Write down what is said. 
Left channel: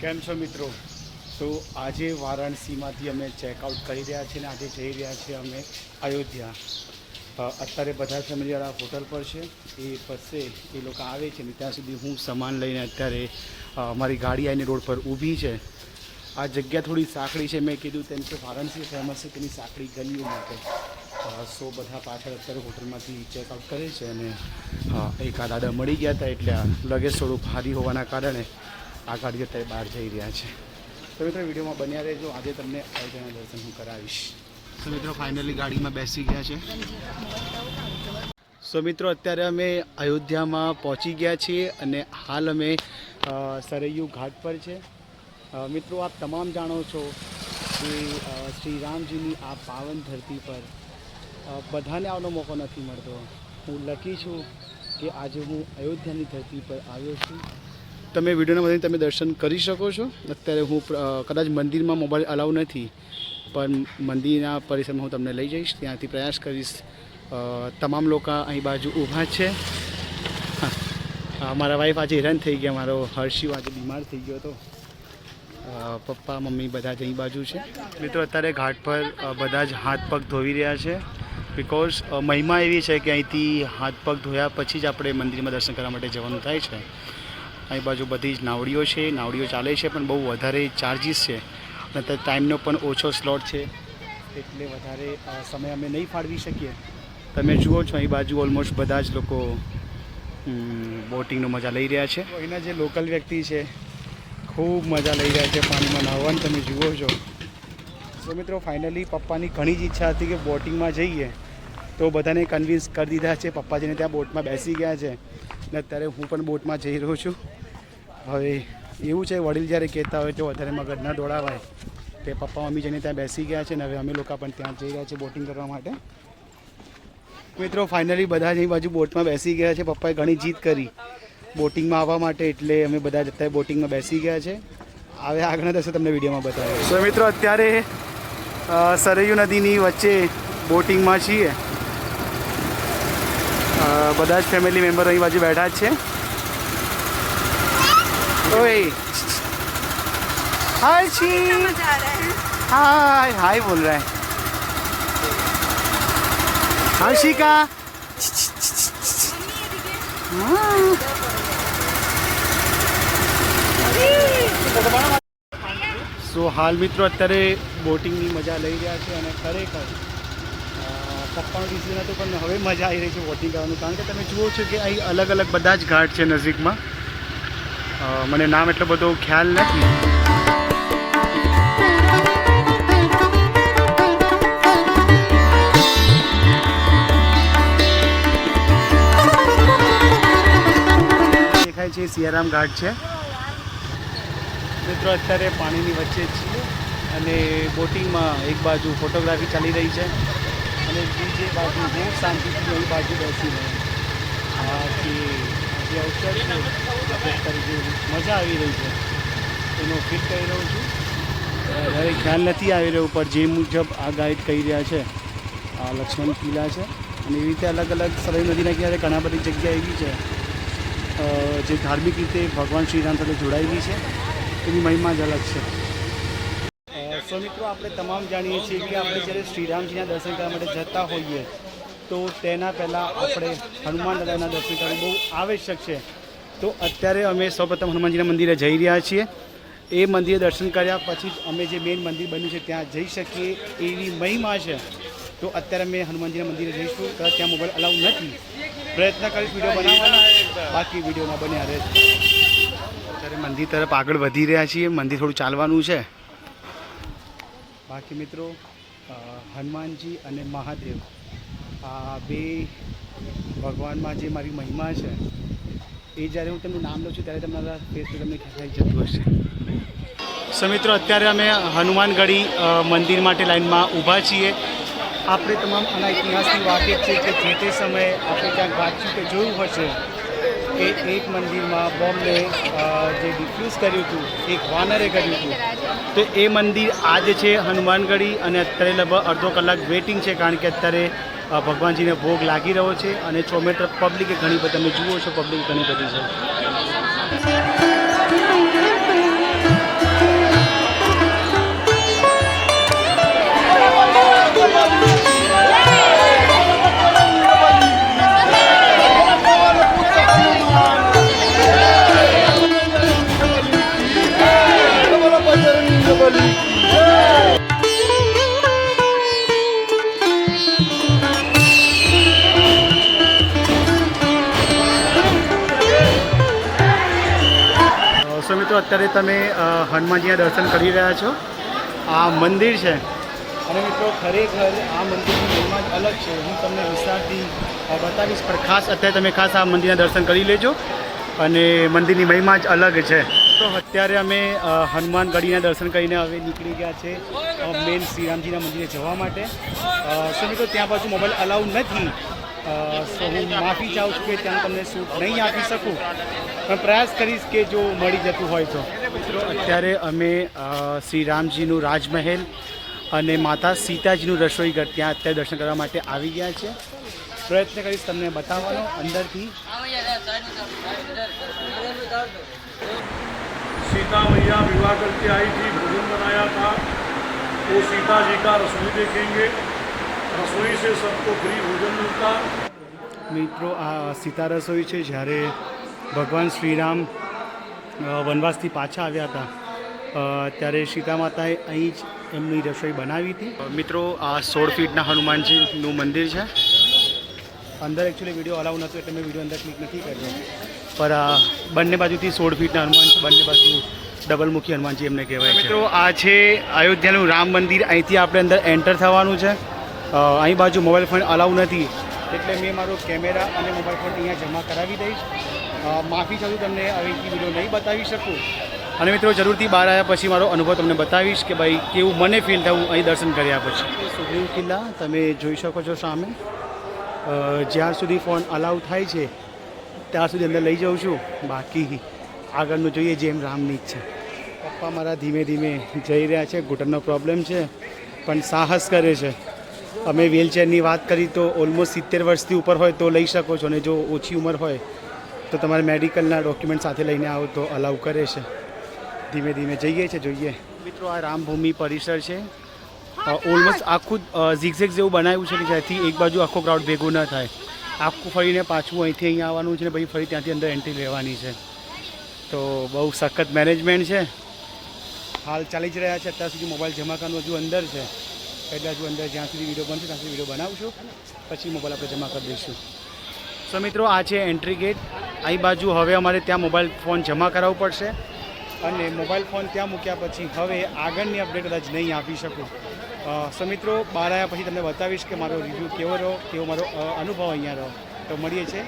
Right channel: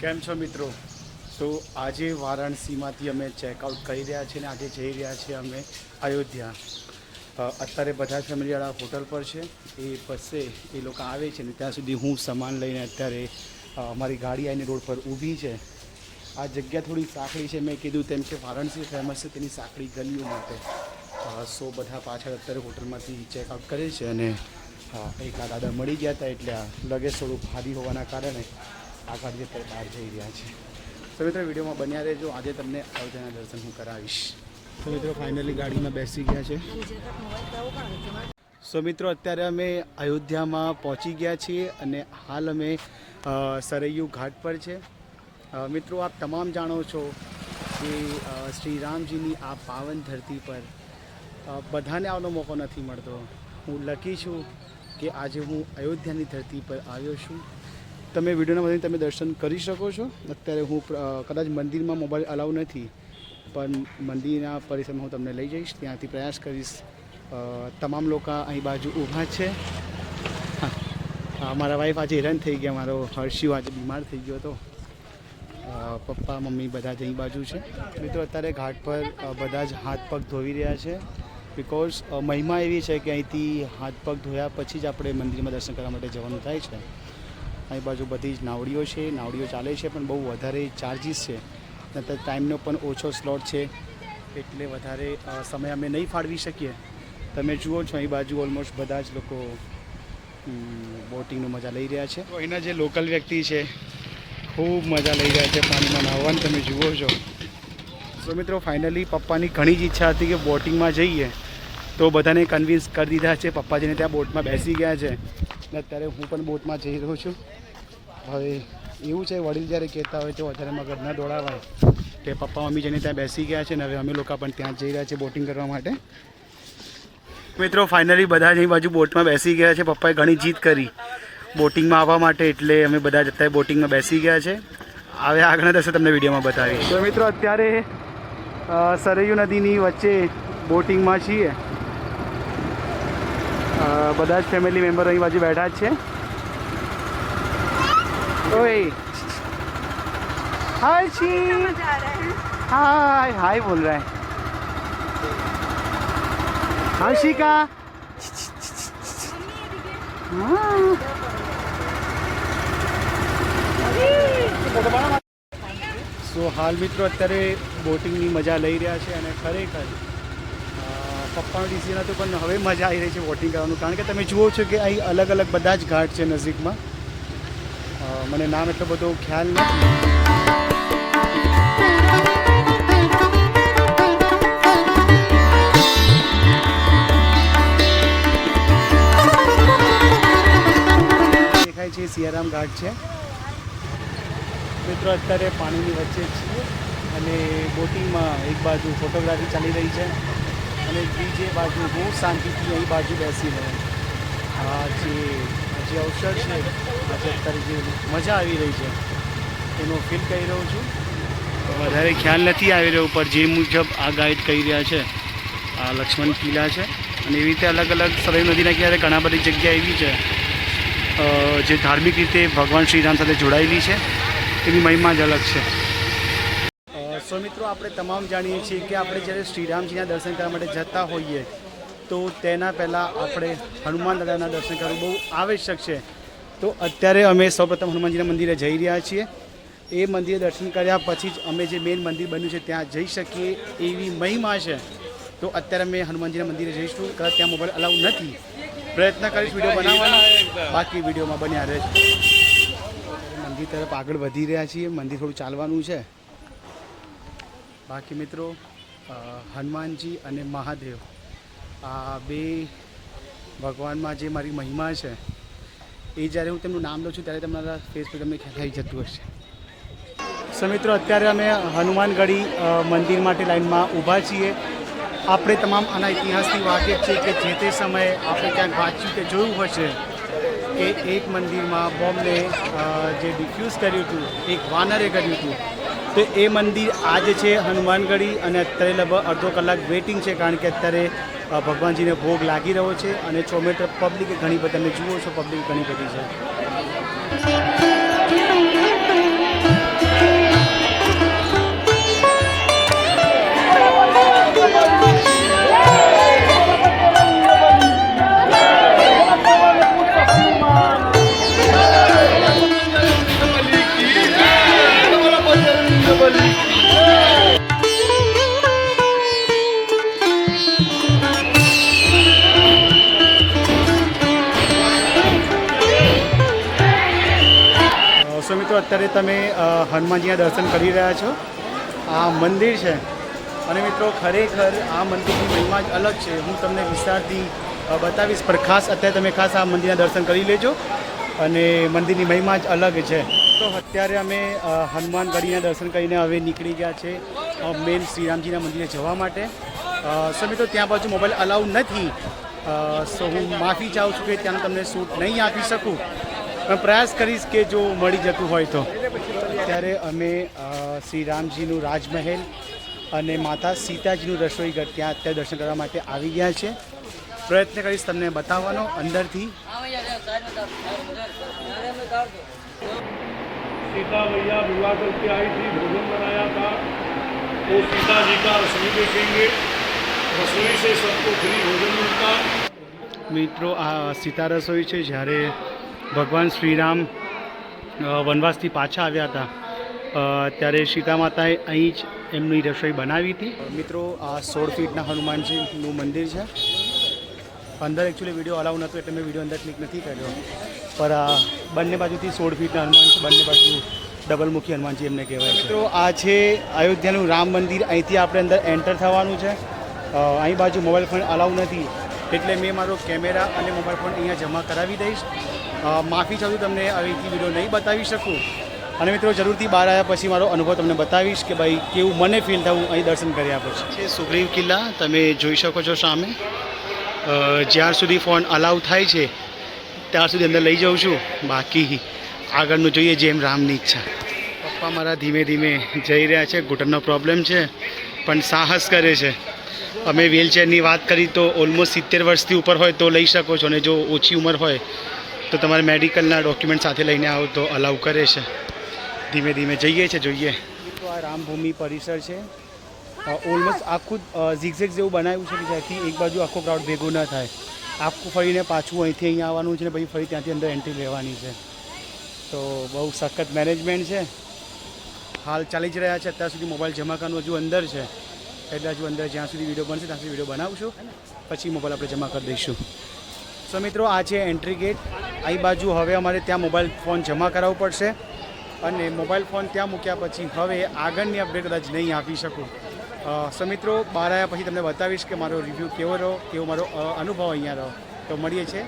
કેમ છો મિત્રો? તો આજે વારાણસીમાંથી અમે ચેકઆઉટ કરી રહ્યા છીએ અને આજે જઈ રહ્યા છીએ અમે અયોધ્યા. અત્યારે બધા ફેમિલીવાળા હોટલ પર છે. એ બસે એ લોકો આવે છે ને ત્યાં સુધી હું સામાન લઈને અત્યારે અમારી ગાડી આવીને રોડ પર ઊભી છે. આ જગ્યા થોડી સાંકડી છે. મેં કીધું તેમ કે વારાણસી ફેમસ છે તેની સાંકડી ગલીઓ માટે. સો બધા પાછળ અત્યારે હોટલમાંથી ચેકઆઉટ કરે છે અને એક આ દાદા મળી ગયા હતા એટલે લગેજ થોડું ભારી હોવાના કારણે આ ગાડી અત્યારે બહાર જઈ રહ્યા છે. તો મિત્રો, વિડીયોમાં બન્યા રહેજો. આજે તમને અયોધ્યાના દર્શન હું કરાવીશ. તો મિત્રો ફાઇનલી ગાડીમાં બેસી ગયા છે. સો મિત્રો, અત્યારે અમે અયોધ્યામાં પહોંચી ગયા છીએ અને હાલ અમે સરૈયુ ઘાટ પર છે. મિત્રો, આપ તમામ જાણો છો કે શ્રી રામજીની આ પાવન ધરતી પર બધાને આવવાનો મોકો નથી મળતો. હું લખી છું કે આજે હું અયોધ્યાની ધરતી પર આવ્યો છું. તમે વિડીયોના માધ્યમથી તમે દર્શન કરી શકો છો. અત્યારે હું કદાચ મંદિરમાં મોબાઈલ અલાઉ નથી, પણ મંદિરના પરિસરમાં હું તમને લઈ જઈશ. ત્યાંથી પ્રયાસ કરીશ. તમામ લોકો અહીં બાજુ ઊભા છે. મારા વાઈફ આજે હેરાન થઈ ગયા. મારો હર્ષિવ આજે બીમાર થઈ ગયો હતો. પપ્પા, મમ્મી બધા જ અહીં બાજુ છે. મિત્રો, અત્યારે ઘાટ પર બધા જ હાથ પગ ધોવી રહ્યા છે. બિકોઝ મહિમા એવી છે કે અહીંથી હાથ પગ ધોયા પછી જ આપણે મંદિરમાં દર્શન કરવા માટે જવાનું થાય છે. અહીં બાજુ બધી જ નાવડીઓ છે, નાવડીઓ ચાલે છે, પણ બહુ વધારે ચાર્જિસ છે. અને ટાઈમનો પણ ઓછો સ્લોટ છે. એટલે વધારે સમય અમે નહીં ફાળવી શકીએ. તમે જુઓ છો અહીં બાજુ ઓલમોસ્ટ બધા જ લોકો બોટિંગનો મજા લઈ રહ્યા છે. અહીંના જે લોકલ વ્યક્તિ છે, ખૂબ મજા લઈ રહ્યા છે પાણીમાં નાહવાની, તમે જુઓ છો. તો મિત્રો ફાઇનલી પપ્પાની ઘણી જ ઈચ્છા હતી કે બોટિંગમાં જઈએ. તો બધાને કન્વિન્સ કરી દીધા છે. પપ્પાજીને ત્યાં બોટમાં બેસી ગયા છે. અને અત્યારે હું પણ બોટમાં જઈ રહ્યો છું. હવે એવું છે, વડીલ જ્યારે કહેતા હોય તો વધારે મગજ ન દોડાવાય તે પપ્પા, મમ્મી જઈને ત્યાં બેસી ગયા છે ને, હવે અમે લોકો પણ ત્યાં જઈ રહ્યા છીએ બોટિંગ કરવા માટે. મિત્રો ફાઇનલી બધા જ અહીં બાજુ બોટમાં બેસી ગયા છે. પપ્પાએ ઘણી જીત કરી બોટિંગમાં આવવા માટે, એટલે અમે બધા જ અત્યારે બોટિંગમાં બેસી ગયા છે. હવે આગળના દર્શન તમને વિડીયોમાં બતાવીશ તો મિત્રો, અત્યારે સરયુ નદીની વચ્ચે બોટિંગમાં છીએ. બધા જ ફેમિલી મેમ્બર અહીં બાજુ બેઠા જ છે. ઓય हाय ची हाय हाय बोल रहा है हर्षिका સો હાલ મિત્રો અત્યારે બોટિંગની મજા લઈ રહ્યા છે અને ખરેખર અ, પપ્પાનો ડિસિઝન હતું પણ હવે મજા આવી રહી છે બોટિંગ કરવાનું કારણ કે તમે જુઓ છો કે અહીં અલગ અલગ બધા જ ઘાટ છે નજીકમાં અ, મને નામ એટલો બધો ખ્યાલ નથી. દેખાય છે સિયારામ ઘાટ છે. મિત્રો, અત્યારે પાણીની વચ્ચે છીએ અને બોટિંગમાં એક બાજુ ફોટોગ્રાફી ચાલી રહી છે અને બીજી બાજુ હું શાંતિથી અહીં બાજુ બેસીને આ જે જે અવસર છે આપણે જે મજા આવી રહી છે એનો ફીલ કરી રહ્યો છું. વધારે ખ્યાલ નથી આવી રહ્યો પણ જે મુજબ આ ગાઈડ કહી રહ્યા છે આ લક્ષ્મણ કિલ્લા છે. અને એવી રીતે અલગ અલગ સરયુ નદીના કિનારે ઘણા બધી જગ્યા એવી છે જે ધાર્મિક રીતે ભગવાન શ્રીરામ સાથે જોડાયેલી છે. એની મહિમા જ અલગ છે. સો મિત્રો આપણે તમામ જાણીએ છીએ કે આપણે જ્યારે શ્રીરામજીના દર્શન કરવા માટે જતા હોઈએ તો તેના પહેલાં આપણે હનુમાન દાદાના દર્શન કરવું બહુ આવશ્યક છે. તો અત્યારે અમે સૌપ્રથમ હનુમાનજીના મંદિરે જઈ રહ્યા છીએ. એ મંદિરે દર્શન કર્યા પછી જ અમે જે મેઇન મંદિર બન્યું છે ત્યાં જઈ શકીએ એવી મહિમા છે. તો અત્યારે અમે હનુમાનજીના મંદિરે જઈશું. કદાચ ત્યાં મોબાઈલ અલાઉ નથી. પ્રયત્ન કરીશ વીડિયો બનાવવાનો. બાકી વિડીયોમાં બન્યા રહે અત્યારે મંદિર તરફ આગળ વધી રહ્યા છીએ. મંદિર થોડું ચાલવાનું છે. બાકી મિત્રો હનુમાનજી અને મહાદેવ. આ બે ભગવાનમાં જે મારી મહિમા છે એ જ્યારે હું તેમનું નામ લઉં છું ત્યારે તમારા ફેસ પર તમને થઈ જતું હશે. સો મિત્રો અત્યારે અમે હનુમાનગઢી મંદિર માટે લાઈનમાં ઊભા છીએ. આપણે તમામ આના ઇતિહાસની વાકેફ છે કે જે તે સમયે આપણે ક્યાંક વાંચ્યું કે જોયું હશે કે એક મંદિરમાં બોમ્બને જે ડિફ્યુઝ કર્યું હતું એક વાનરે કર્યું હતું. તો એ મંદિર આજે છે હનુમાનગઢી અને અત્યારે લગભગ અડધો કલાક વેઇટિંગ છે કારણ કે અત્યારે ભગવાનજીને ભોગ લાગી રહ્યો છે અને ચોમેટર પબ્લિકે ઘણી બધી, તમે જુઓ છો પબ્લિક ઘણી બધી છે. મિત્રો, અત્યારે તમે હનુમાનજીના દર્શન કરી રહ્યા છો. આ મંદિર છે. અને મિત્રો, ખરેખર આ મંદિરની મહિમા જ અલગ છે. હું તમને વિસ્તારથી બતાવીશ, પણ ખાસ અત્યારે તમે ખાસ આ મંદિરના દર્શન કરી લેજો. અને મંદિરની મહિમા જ અલગ છે. તો અત્યારે અમે હનુમાનગઢીના દર્શન કરીને હવે નીકળી ગયા છે મેન શ્રીરામજીના મંદિરે જવા માટે. સો મિત્રો, ત્યાં બાજુ મોબાઈલ અલાઉ નથી. સો હું માફી ચાહું છું કે ત્યાં તમને શૂટ નહીં આપી શકું. પણ પ્રયાસ કરીશ કે જો મળી જતું હોય તો મિત્રો અત્યારે અમે અ, શ્રી રામજીનું રાજમહેલ અને માતા સીતાજીનું રસોઈ ઘર ત્યાં અત્યારે દર્શન કરવા માટે આવી ગયા છે પ્રયત્ન કરીશ તમને બતાવવાનો અંદરથી सीता मैया विवाह करके आई थी भोजन बनाया था वो सीता जी का रसोई देखेंगे रसोई से सबको फ्री भोजन मिलता મિત્રો આ સીતા રસોઈ છે જ્યારે ભગવાન શ્રીરામ વનવાસથી પાછા આવ્યા હતા. ત્યારે સીતા માતાએ અહીં જ એમની રસોઈ બનાવી હતી. મિત્રો આ સોળ ફીટના હનુમાનજીનું મંદિર છે. અંદર એકચ્યુઅલી વીડિયો અલાઉ નહોતો એટલે મેં વીડિયો અંદર ક્લિક નથી કર્યો. પર બંને બાજુથી સોળ ફીટના હનુમાન છે બંને બાજુ ડબલમુખી હનુમાનજી એમને કહેવાય મિત્રો આ છે અયોધ્યાનું રામ મંદિર. અહીંથી આપણે અંદર એન્ટર થવાનું છે. અહીં બાજુ મોબાઈલ ફોન અલાઉ નથી. એટલે મેં મારો કેમેરા અને મોબાઈલ ફોન અહીંયા જમા કરાવી દઈશ. માફી ચાહું તમને અહીંથી વીડિયો નહીં બતાવી શકું. અને મિત્રો જરૂરથી બહાર આવ્યા પછી મારો અનુભવ તમને બતાવીશ કે ભાઈ કેવું મને ફીલ થયું અહીં દર્શન કર્યા પછી. સુગ્રીવ કિલ્લા તમે જોઈ શકો છો સામે. જ્યાં જ્યાર સુધી ફોન અલાઉ થાય છે ત્યાં સુધી અંદર લઈ જાઉં છું. બાકી આગળનું જોઈએ જેમ રામની ઈચ્છા. પપ્પા મારા ધીમે ધીમે જઈ રહ્યા છે ઘૂંટણનો પ્રોબ્લેમ છે પણ સાહસ કરે છે. અમે વ્હીલચેરની વાત કરી તો ઓલમોસ્ટ સિત્તેર વર્ષથી ઉપર હોય તો લઈ શકો છો અને જો ઓછી ઉંમર હોય તો તમારે મેડિકલના ડોક્યુમેન્ટ સાથે લઈને આવો તો અલાઉ કરે છે. ધીમે ધીમે જઈએ છે, જોઈએ. મિત્રો, આ રામભૂમિ પરિસર છે. ઓલમોસ્ટ આખું ઝીગઝેગ જેવું બનાવ્યું છે કે જ્યાંથી એક બાજુ આખો ક્રાઉડ ભેગું ન થાય. આખું ફરીને પાછું અહીંથી અહીંયા આવવાનું છે ને, પછી ફરી ત્યાંથી અંદર એન્ટ્રી લેવાની છે. તો બહુ સખત મેનેજમેન્ટ છે. હાલ ચાલી જ રહ્યા છે. અત્યાર સુધી મોબાઈલ જમા કરવાનું હજુ અંદર છે. એટલે હજુ અંદર જ્યાં સુધી વીડિયો બનશે, ત્યાં સુધી વીડિયો બનાવશું. પછી મોબાઈલ આપણે જમા કરી દઈશું. સો મિત્રો, આ છે એન્ટ્રી ગેટ અહીં બાજુ હવે અમારે ત્યાં મોબાઈલ ફોન જમા કરાવવો પડશે અને મોબાઈલ ફોન ત્યાં મૂક્યા પછી હવે આગળની અપડેટ કદાચ નહીં આપી શકું. સમિત્રો, બહાર આવ્યા પછી તમને બતાવીશ કે મારો રિવ્યૂ કેવો રહ્યો, કેવો મારો અનુભવ અહીંયા રહ્યો. તો મળીએ છીએ.